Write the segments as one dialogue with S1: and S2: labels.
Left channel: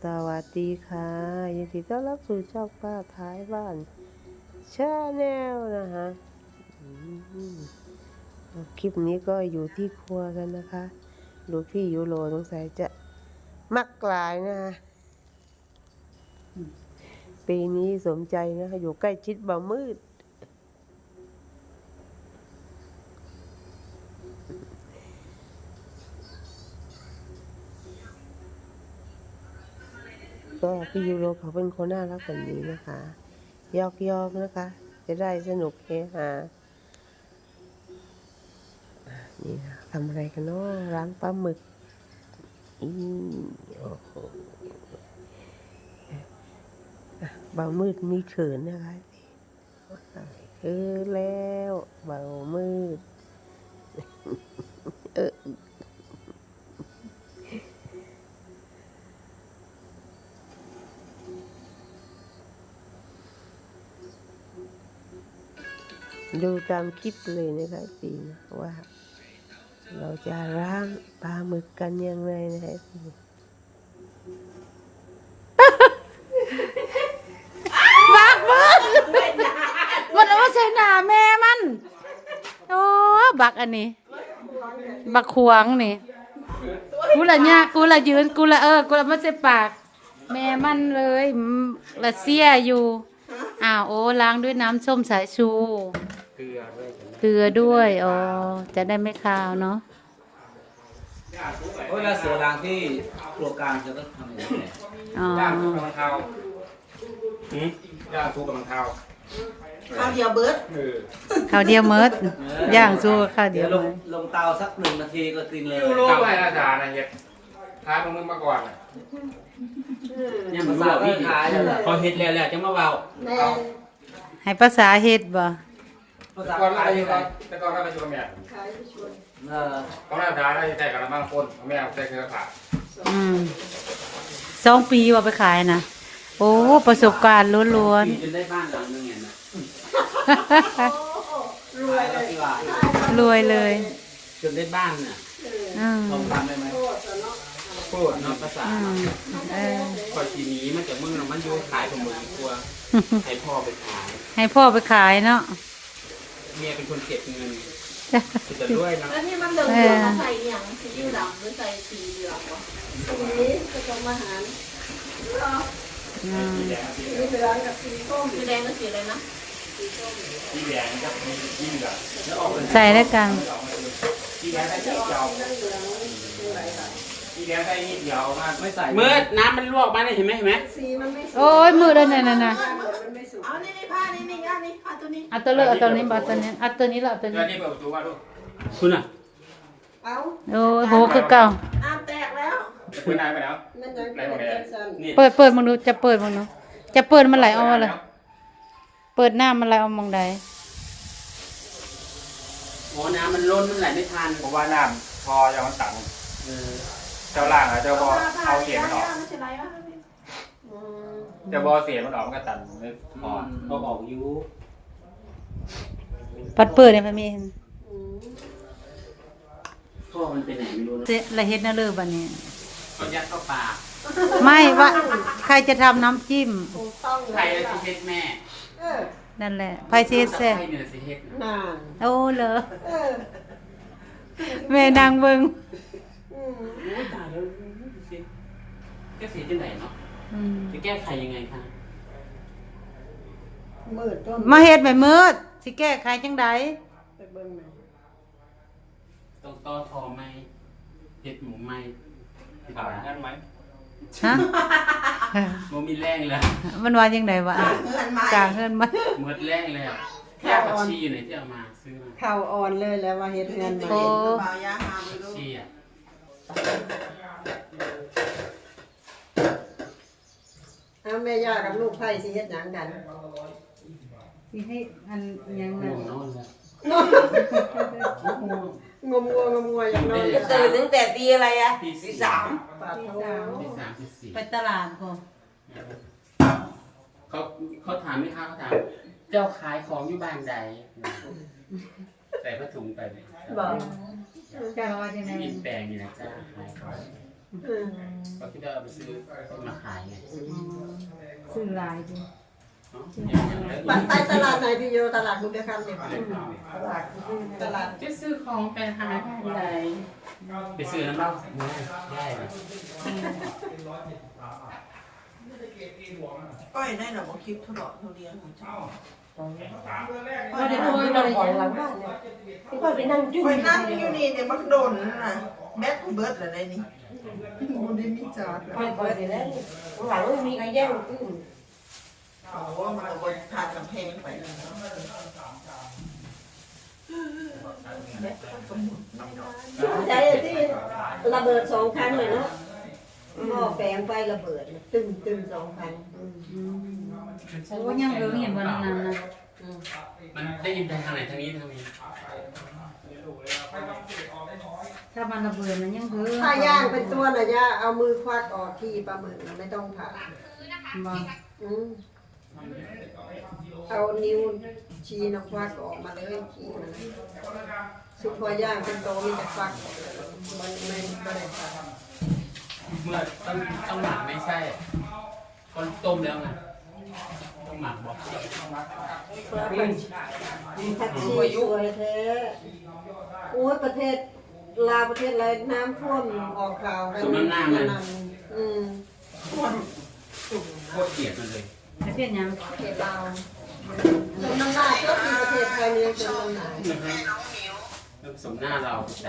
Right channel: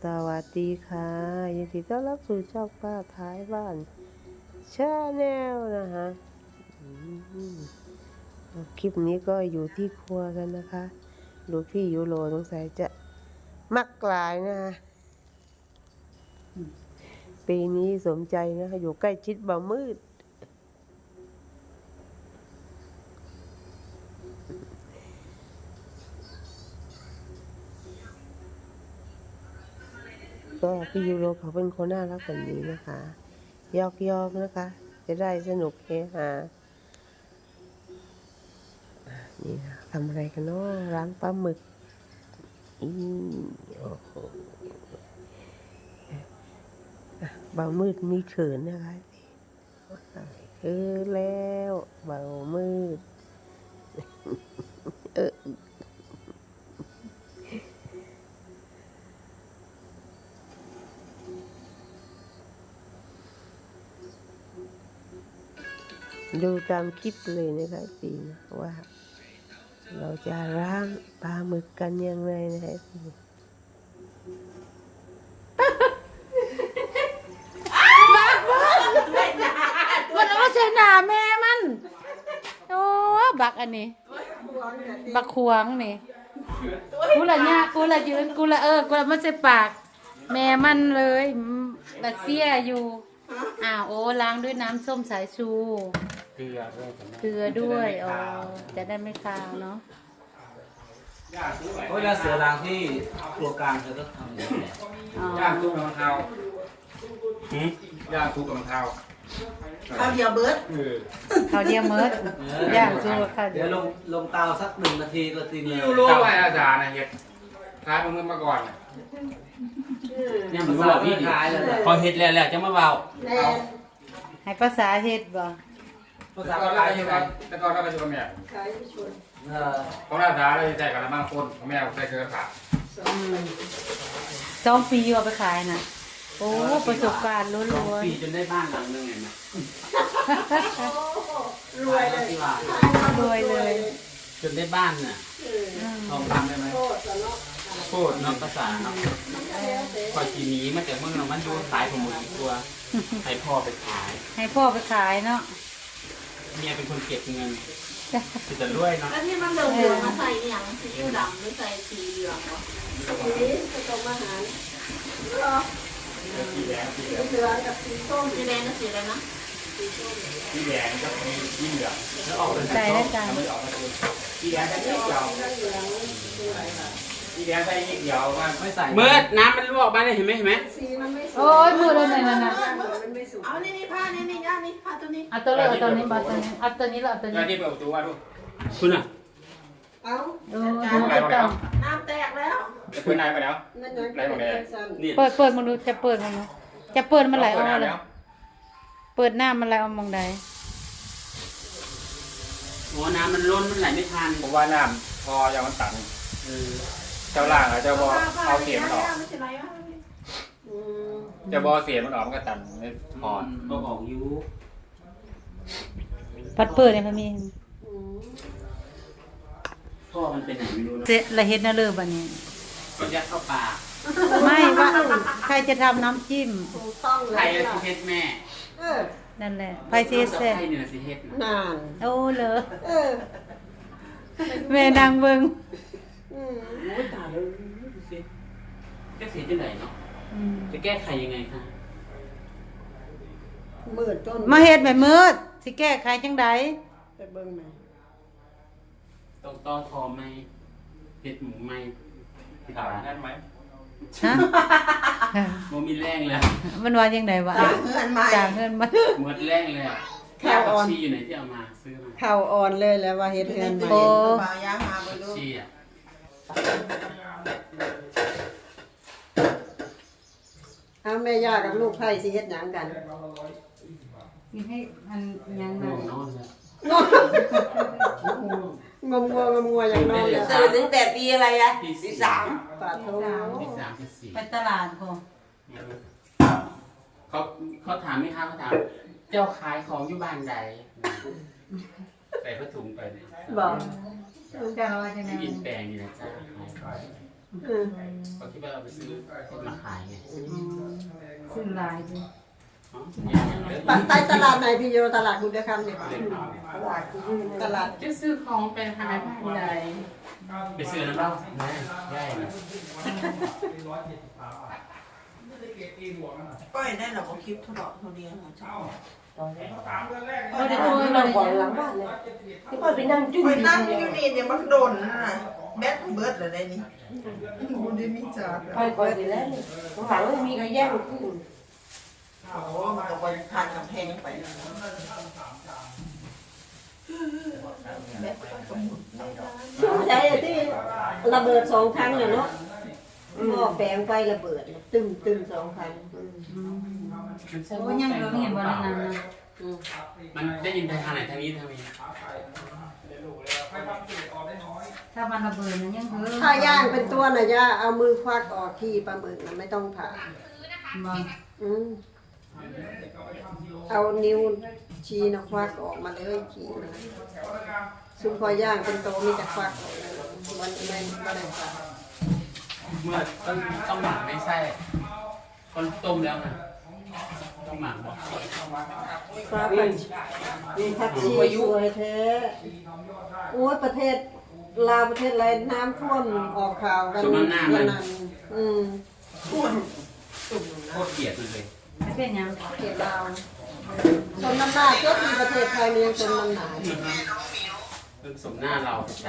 S1: สวัสดีค่ะยินดีต้อนรับสู่ช่องป้าท้ายบ้านชาแนลนะคะคลิปนี้ก็อยู่ที่ครัวกันนะคะดูพี่ยูโรสงสัยจะมักกลายนะคะปีนี้สมใจนะคะอยู่ใกล้ชิดบ่าวมืดก็พี่ยูโรเขาเป็นคนน่ารักแบบนี้นะคะยอกนะคะ จะได้สนุกเฮฮานี่นะทำอะไรกันเนาะล้างปลาหมึกโอ้โหเบามืดมีเขินนะคะคือแล้วเบามืดดูตามคลิปเลยนะคะจีนะว่าเราจะล้างปลาหมึกกันยังไงนะคะจี
S2: มันเอาเสนาแม่มันโอ้บักอันนี้บักขวางนี่กูละยากกูละยืนกูละกูละมันจะปากแม่มันเลยละเสียอยู่อ้าวโอ้ล้างด้วยน้ำส้มสายชูเกลือด้วยอ๋อจะได้ไม่คาวเนาะ
S3: เวลาเสือรางที่ตัวกลางจะต้องทำอย่างนี้
S2: อ๋อ
S4: ย่างทุกกำลังเท้าย่างทุกกำลังเท้า
S5: ข้าวเดียวเบิร์ด
S2: ข้าวเดียวเมิดย่างสู้ข้าวเดี
S3: เดี๋
S2: ย
S3: ยว วลงเตาสัก1 นาทีก็ตีเลย
S4: รู้ไหมอาจารย์นะเฮ็ดท้ายมึงมาก่อน
S3: เนี่ยมันบอกพี่ขายพอเฮ็ดแล้วจะมาเบา
S5: แน่
S2: ให้ภาษาเฮ็ดบ่
S3: ภาษา
S4: ก่อน
S3: ขาย
S4: แล้ว
S3: ยังไง
S4: แต่ก่อนก็เป็นตัวแม่
S5: ขายผู้ช่วย
S4: ของอาจารย์เราจะแจกกันละมากคนแม่ใส่เครือข่าย
S2: 2 ปีว่าไปขายนะโอ้ประสบการณ์ล้วน
S3: ปีจนได้บ้านหลังนึงไงนะ
S2: ๆ
S3: รวยแล้วที่ว่า
S2: รวยเลย
S3: จนได้บ้านน่ะ
S2: อืม
S3: ลองทำได้ไหมพูดเนาะภาษาเนาะคอยทีนี้มันจะมึงมันอยู่ขายผมหมดอีกตัวให้พ่อไปขาย
S2: ให้พ่อไปขายเนาะ
S3: เมียเป็นคนเก็บเงินจะรวยเนาะ
S5: แล้วนี่มันเหลืองๆมาใส่เนี่ยซีอิ๊วดำหรือใส่สีเหลืองเหรอนี่จะต้องมาหาเหรอสีเหลืองกับสีส้มสีแดงกับสีอะไรนะ
S4: ที่แดงก็มียิ่งเหลือแล้วออก
S2: ใส่ได้กัน
S4: ที่แดงได้นิดเดียวที่แดงได้นิดเดียวมาไม่ใส่
S3: เมื่อน้ำมันลวกมาเลยเห็นไหม
S5: สีมันไม่สวย
S2: โอ้ยมือได้เนี่ยนะ
S5: มันไม่สุกเอานี่ผ้านี่ย่านี่ผ้าตัวนี้
S2: เอาตัวเลยเอาตัวนี้บาตัวนี้เอาตัวนี้แล้วเอาตัว
S4: เดี๋
S2: นี้
S4: ยวนี่เปิดประตูมาดู
S3: คุณอ่ะ
S5: เอา
S2: โอ้ยโหคือเก่า
S5: น้ำแตกแล้ว
S4: คุณนายไปแล้ว
S5: นั่นจะเป็นแบบสั้น
S3: นี่
S2: เปิดมึงดูจะเปิดมึงดูจะเปิดมันไหลออกมาเลยเปิดหน้ามันไหลออกมองใด
S3: โอ้น้ำมันล้นมันไหลไม่ทัน
S4: ผมว่าน้ำพอยังมันต่ำเจ้าล่างอะเจ้าบอเอาเสียงมันออก
S5: ไม่ใช่ไรวะอืม
S4: เจ้าบอเสียงมันออกมันก็ตันไม่พอ
S3: เอาออกยู
S2: ปัดเปิดเนี่ยมันมี
S3: พ่อมันไปไหนไม่รู้นะ
S2: เจ๊ละเฮ็ดน่าเลิศบัดนี้
S3: ก็ยัดเข้าปาก
S2: ไม่ว่าใครจะทำน้ำจิ้ม
S5: ถูกต้อง
S3: ใคร
S5: เลย
S3: สิเฮ็ดแม่
S5: เออ
S2: นั่นแหละไผสิเฮ็ดแซ่บ
S3: ใครเนี่ยสิเฮ็ดนะ
S5: นาน
S2: โอ้เหรอ
S5: เออ
S2: แม่นางเบิ่ง
S5: อืม
S3: โอ้ยตายแล้วดูสิแก้สีที่ไหนเนาะ
S2: อืม
S3: จะแก้ไขยังไงคะ
S5: มืดต้น
S2: มาเฮ็ดแบบมืดสิแก้ไขจังใด
S5: ไปเบิ่งหน่อย
S3: ต้องต่อทอไหมเฮ็ดหมูไหมติด
S4: ถาม
S3: ตา
S4: นั่นไหม
S2: ฮะ
S3: โมมีแรงแล้ว
S2: มันว่าจังไดวะ
S5: เงินมา
S2: จ่างเงินมา
S3: หมดแรงแล้วแค่ผักชีอยู่ไหนที่เอามาซื้อมา
S5: เข่าอ่อนเลยแล้วว่าเฮ็ดเงิน
S2: โอ้
S5: บ่าวยามาบ่รู้
S3: ชีอ่ะ
S5: เอาแม่ย่ากับลูกไผ่สิเฮ็ดหยังกัน
S2: สิให้อันยัง
S3: ง
S2: น่ะ
S3: งเนาะ
S5: งัวอย่างน้อย
S6: ตื่นตั้งแต่ปีอะไรอะปีสาม
S5: ปาดโถ
S3: ที่3ที่4
S2: ไปตลาดพอ
S3: เขาถามไหมคะเขาถาม เจ้าขายของอยู่บ้านใดใส่ผ้าถุงไปเนี่ย
S5: บอก
S2: จะว่าจังได๋
S3: กินแปลงอยู่นะจ้าขายของก็คิดว่าเอาไปซื้อมาขายไง
S2: ซื้อหลายดิ
S5: ไปตลาดไหนพี่อยู่ตลาดบุญเดือคำเนี่ยตลาด
S2: จะซื้อของไปหาผู้ใหญ่
S3: ไปซื้อน้ำเปล่าได้เลย
S6: ก็เห็นได้หรอกว่าคลิปทดลองทุเรียนของเจ้า
S2: ก็ได้คุยเลย
S1: บ่อยหลังบ้านเลยที่ค่อยไปนั่งจุ้
S6: ไป
S1: ย
S6: นั่งอยู่นี่เนี่ยมันโดนนะแบทเบิร์ดอะไรนี่มันได้มีจ่า
S1: ค่อยเปิดอยู่แล้วนี่ต้องหาว่ามีใครแย่งขึ้น
S6: โอ้มันเอาไปผ่านกำแพงไป
S5: ใจที่ระเบิด2 ครั้งเลยเนาะหม้อแปลงไฟระเบิดตึ้ม2 ครั้ง
S2: โอ้ยังเรื่องอยู่บนนั้นนะ
S3: มันได้ยินทางไหนทางนี้ทางนี้
S2: ถ้ามันระเบิดมันยังเฮ้อ
S5: ถ้าย่างเป็นตัวน่ะย่าเอามือควักออกที่ปลาหมึกน่ะไม่ต้องผ่า
S2: บ่
S5: เอานิ้วชี้นะควักออกมาเลยขี้มันซุปพอย่างเป็นโตมีแต่ควักออกเลยมันไม่ได้ผ่า
S3: เมื่อต้องหมักไม่ใช่คนต้มแล้วนะต้องหมักบอก
S5: ปลาผักชีสวยแท้โอ้ยประเทศลาวประเทศอะไรน้ำท่วมออกข่าวกัน
S3: สมน้ำหน้ามัน
S5: ท่วม
S3: โคตรเกลียดมันเลย
S2: ประเภทหยัง
S5: เขตลาวชนมันหนาก็มีประเทศไทยมีชนมันหนา
S3: เริ่มสมหน้าเราแต่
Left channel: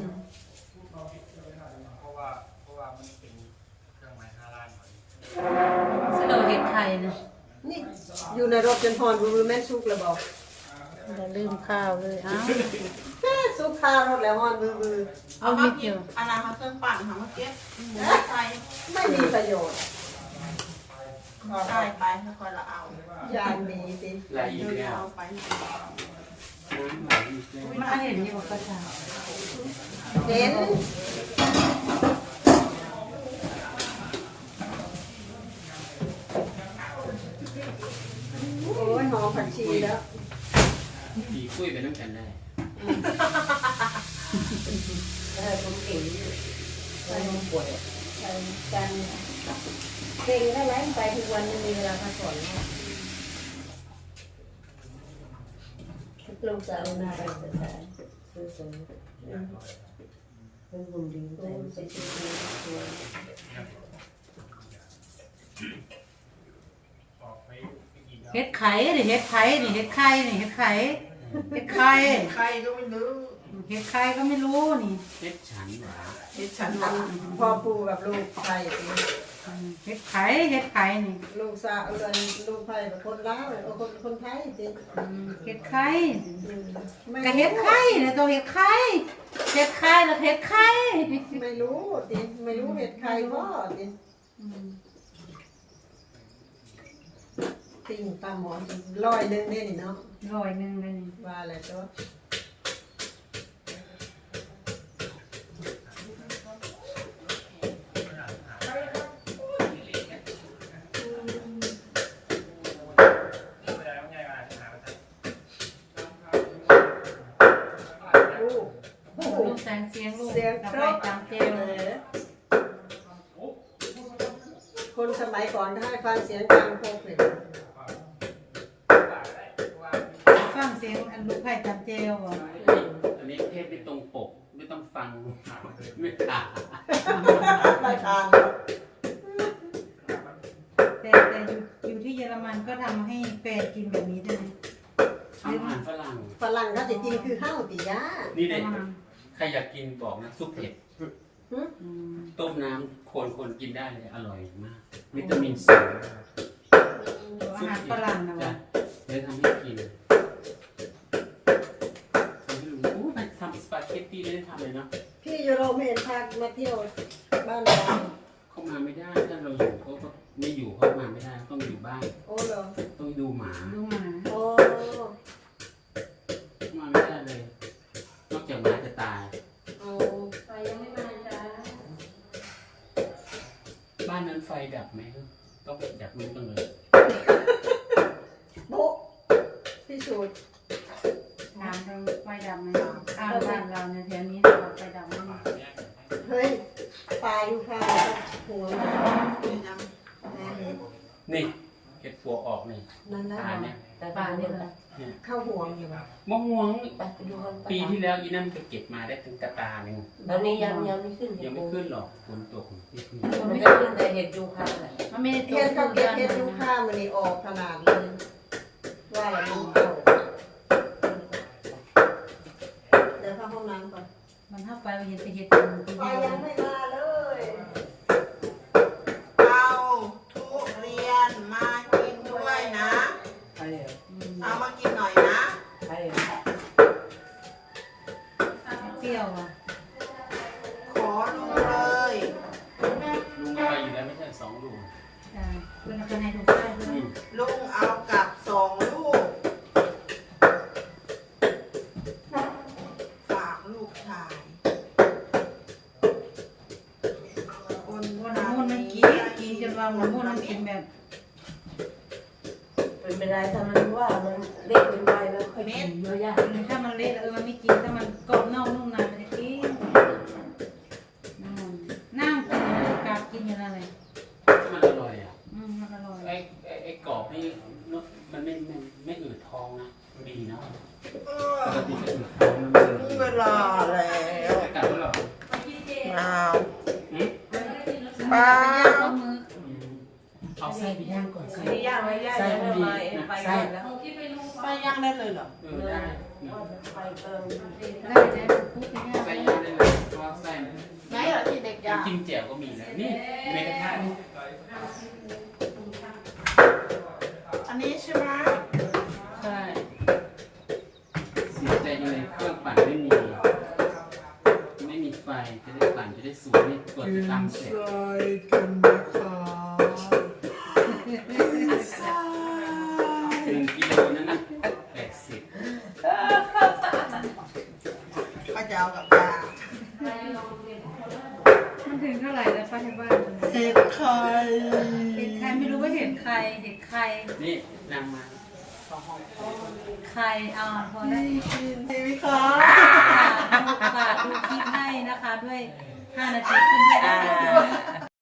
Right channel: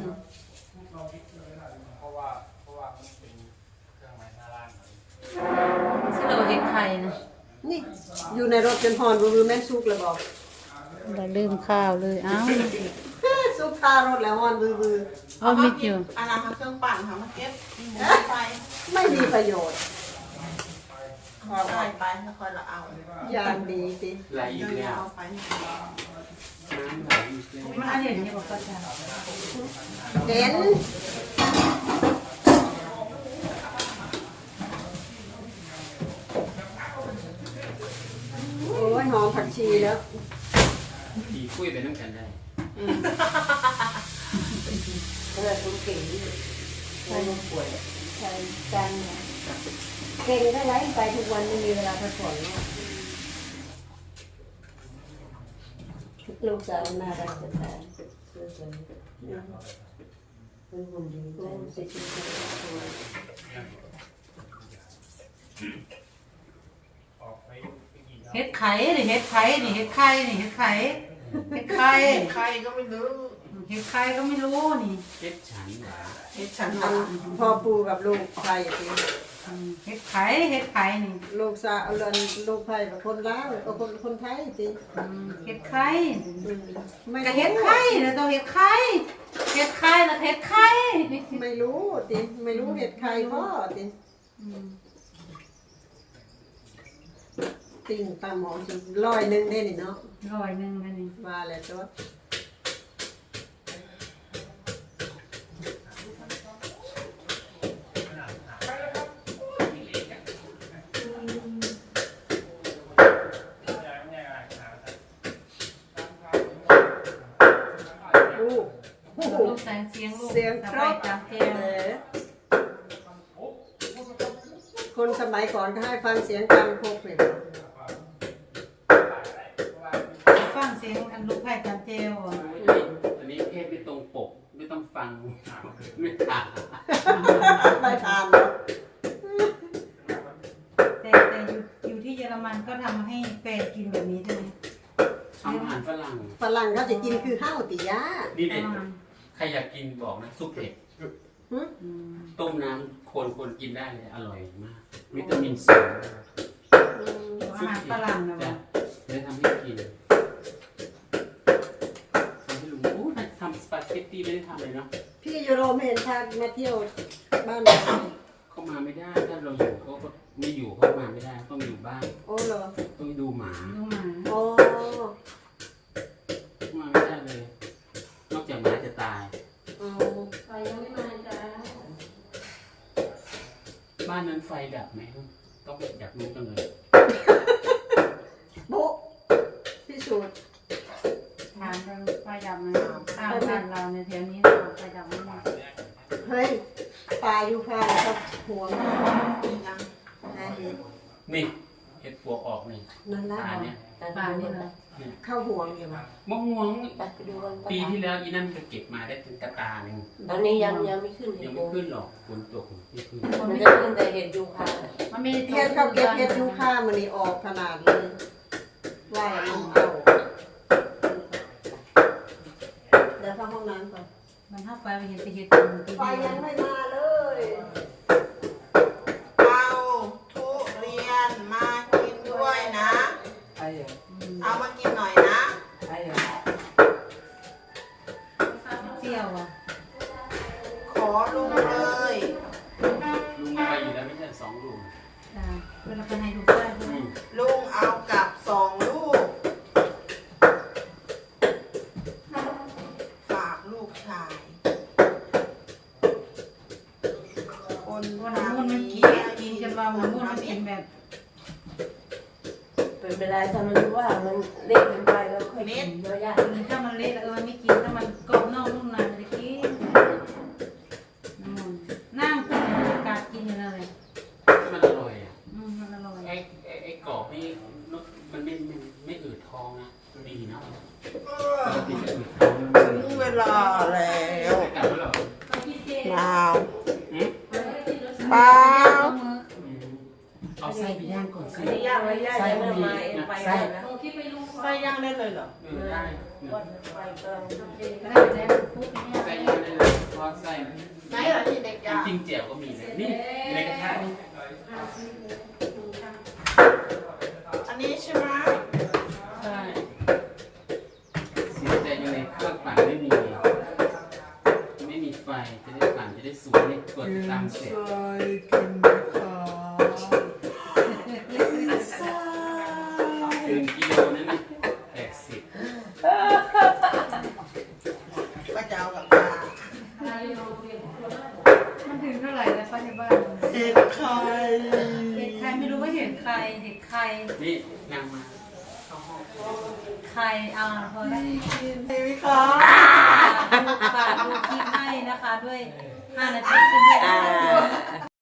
S4: เพราะว่ามันเป็นเครื่องไม้หน้าร้าน
S2: สิเราเห็ดไข่นะ
S5: นี่อยู่ในรถเป็นหอนมือแม่ซุกเลยบอก
S2: เราลืมข้าวเลยอ้าว
S5: ซุกข้าวรถแล้วหอนมือ
S2: เอาไม่เกี่ยว
S6: อันนั้นเครื่องปั่นค่ะเมื่อกี้ไป
S5: ไม่มีประโยชน์
S6: ได้ไปแล้วก็เราเอา
S5: อย่างดีสิ
S3: ลายอีกแล้ว
S6: เอาไป
S3: น้ำไหลอีกแล้ว
S2: มันเห็นอยู่กับข้าว
S5: เห็นโอ้ยหอมผักชีแล้ว
S3: ผีคุยไปน้ำกันได้
S5: จังเก่งได้ไรไปทุกวันไม่มีเวลาพักผ่อนลูกสาวน่ารักจะตายเป็นคนดีใจเสียชีวิต
S2: เห็ดไข่นี่เห็ดไข่นี่เห็ดไข่นี่เห็ดไข่เห็ดไข่
S6: ใครก็ไม่รู้
S2: เห็ดไข่ก็ไม่รู้นี่
S3: เฮ็ดฉันหวา
S6: เฮ็ดฉันว่า
S5: พ่อปู่กับลูกไผ่
S2: เห็ดไข่เห็ดไข่นี่
S5: ลูกสาวเลยลูกไผ่กับคนลาวกับคนไทยสิ
S2: เห็ดไข่
S5: ไม่
S2: ก็เห็ดไข่นะตัวเห็ดไข่เห็ดไข่แล้วเห็ดไข่
S5: ไม่รู้สิไม่รู้เห็ดใครก็สิติ่งตาหมอสิ100นึงได้นี่เนาะ
S2: 100นึงเลยนี่
S5: ว่าแล้วตัว
S2: ลูกแสงเสียงลูกสบายจังเกล
S5: คนสมัยก่อนก็ให้ฟังเสียงกลางโคกเลย
S2: ฟังเสียงอันลูกไผ่จันเจล
S3: อันนี้เพศไม่ตรงปกไม่ต้องฟังไม่ขาด
S5: ไม่ทาน
S2: แต่อยู่ที่เยอรมันก็ทำให้แฟนกินแบบนี้ใช่ไหม
S3: ทำอาหารฝรั่ง
S5: ฝรั่งก็จะกินคือข้าวติยา
S3: นี่เด็กใครอยากกินบอกนะซุปเผ็ดต้มน้ำคนกินได้เลยอร่อยมากวิตามินซี
S2: อาหารฝรั่งนะ
S3: จ้ะ
S2: วะ
S3: เดี๋ยวทำให้กินทำให้ลุงอู้ทำสปาเกตตี้ไม่ได้ทำเลยเนาะ
S5: พี่ยูโรไม่เห็นชาติมาเที่ยวบ้านเรา
S3: เข้ามาไม่ได้ถ้าเราอยู่เขาก็ไม่อยู่เข้ามาไม่ได้ต้องอยู่บ้าน
S5: โอ้เหรอ
S3: ต้องดูหมา
S2: ลูกหมา
S5: โอ้
S3: เข้ามาไม่ได้เลย นอกจากหมาจะตาย
S5: เอาไปยังไม่มาจ้า
S3: บ้านนั้นไฟดับไหมต้องอยากรู้กันเลย
S5: โบ๊ะพิสูจน์
S2: ถามทางไฟดับไหมข้างบ้านเราในแถวนี้ไฟดับไหม
S5: เฮ้ยป่าาอยู่ค่ะแล้วก็ห่วง
S6: เป็นยัง
S5: หาเห็ด
S3: นี่เห็ดปวกออกนี่
S5: นั่นละ
S3: ตาเนี่ย
S2: ป่านี่เลย
S5: เข้าห่วงอยู่บ่
S3: มะม่วง
S5: ไปดูกัน
S3: ปีที่แล้วอีนั่นก็เก็บมาได้ถึงตาหนึ่ง
S5: ตอนนี้ยังไม่ขึ้น
S3: ยังไม่ขึ้นหรอกฝนตก
S5: มันไม่ขึ้นแต่เห็ดยูคา
S2: มันมี
S5: เห็ดเขาเก็บเห็ดยูคามันนี่ออกขนาดเลยว่าแล้วมันเข้าเดี๋ยวเข้าห้องน้ำก่อน
S2: มันเข้าไปมันเห็นแต่เห็ด
S5: ไฟยังไม่มาเลย
S6: เอาทุเรียนมากินด้วยนะ เอามากินหน่อยนะ
S2: เปรี้ยวอ่ะ
S6: ขอลุงเลย
S3: ลุงไปอยู่แล้วไม่ใช่2 ลุง
S2: เวลาคนให้ถูกใจด้วย
S6: ลุงเอากลับ2 ลูก ฝากลูกชาย คน
S2: วันน้ำมันกินจนว่าน้ำมันกินแบบ
S5: เป็นไปได้ถ้ามันว่ามันเล็กเกินไปแล้วค่อยกินเยอะแยะ
S2: ถ้ามันเละแล้วมันไม่กินถ้ามันกรอบนอกนุ่มในมันจะกินนั่งกินกากินอยู่นั่นเลย
S3: มันอร่อยอ่ะ
S2: มันอร่อย
S3: ไอ้กรอบนี่มันไม่อืดท้องนะดีเนาะ
S6: ถึงเวลาแล้ว
S3: กลับแล้วเหรอ
S6: เปล่า
S3: อืม
S6: เปล่า
S3: เอาไส้ไปย่างก่อนสิ
S5: ไม่ย่างไม่ย่างยังไม่มาเองไปก่อนแล้ว
S6: ไปยังได้เลยเหรอ
S3: ได้
S5: ไปกำลัง
S2: ได้ได้พูดง่าย
S3: ไส้ย่างได้เลยเพราะว่าไส้มัน
S6: ไหนเหรอที่เด็กยา
S3: จริงๆแจ่วก็มีนะนี่อยู่ในกระทะนี่
S6: อันนี้ใช่ไหม
S3: ใช่เสียใจอยู่ในเครื่องปั่นไม่มีไฟจะได้ปั่นจะได้สูงนี่กดตามเสร็จ
S6: กันนะคะ
S3: 1 กิโลนั่นนะ80
S6: ป้าจะเอากับยา
S2: มันถึงเท่าไหร่แล้วป้าที่บ้าน
S6: เห็ดไข่
S2: เห็ดใครไม่รู้ว่าเห็ดใครเห็ดใคร
S3: นี่นางมา
S2: ใครพอได้
S6: ใช่ไหมคะ
S2: ฝากดูคลิปให้นะคะด้วย5 นาทีขึ้นให้ได้